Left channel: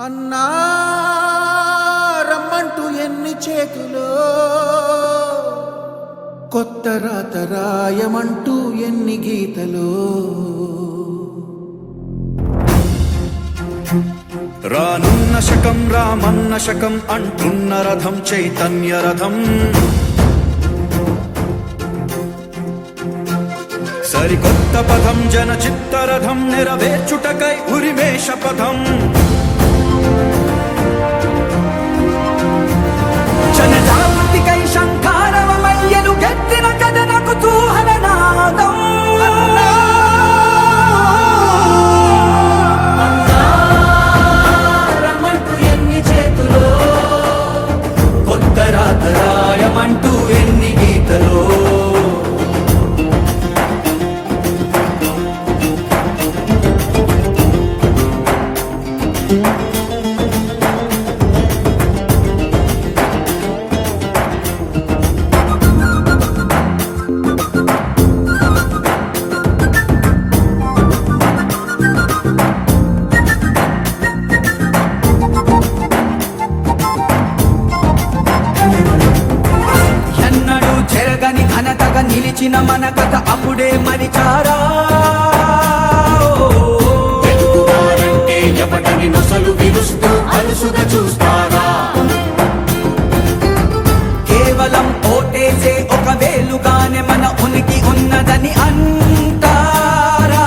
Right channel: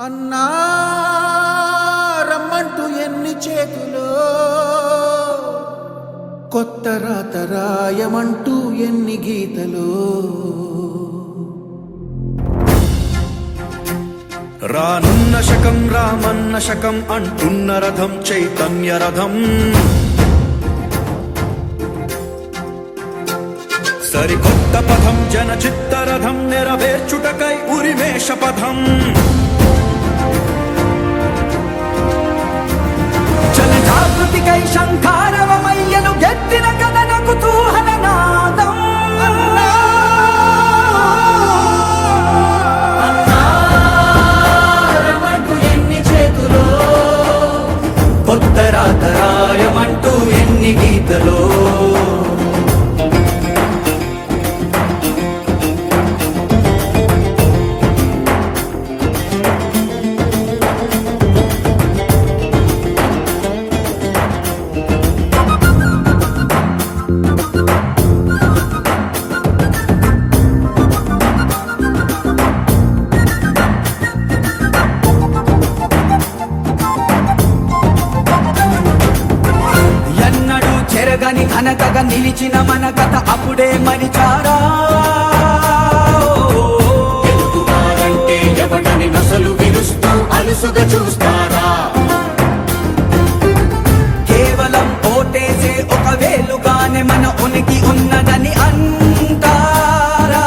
అన్నా రమ్మంటూ ఎన్ని చేతులు? కొత్త రాత రాయమంటూ ఎన్ని గీతలు? రానున్న శకం రామన్న శకం అంటున్న రథం చైతన్య రథం. సరికొత్త పథం జన చిత్తరథం నెరవేర్చుటకై ఉరివేష పథం. చెరగని ఘనతగా నిలిచిన మన కథ అప్పుడే మరిచారా? అంటే ఎవడని నసలు విరుస్తూ అలుసుగా చూస్తారా? కేవలం ఓటేసే ఒక వేలుగానే మన ఉనికి ఉన్నదని అంటారా?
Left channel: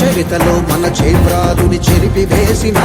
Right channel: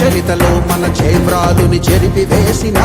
చరితలో మన చేవ్రాలుని చెరిపి వేసిన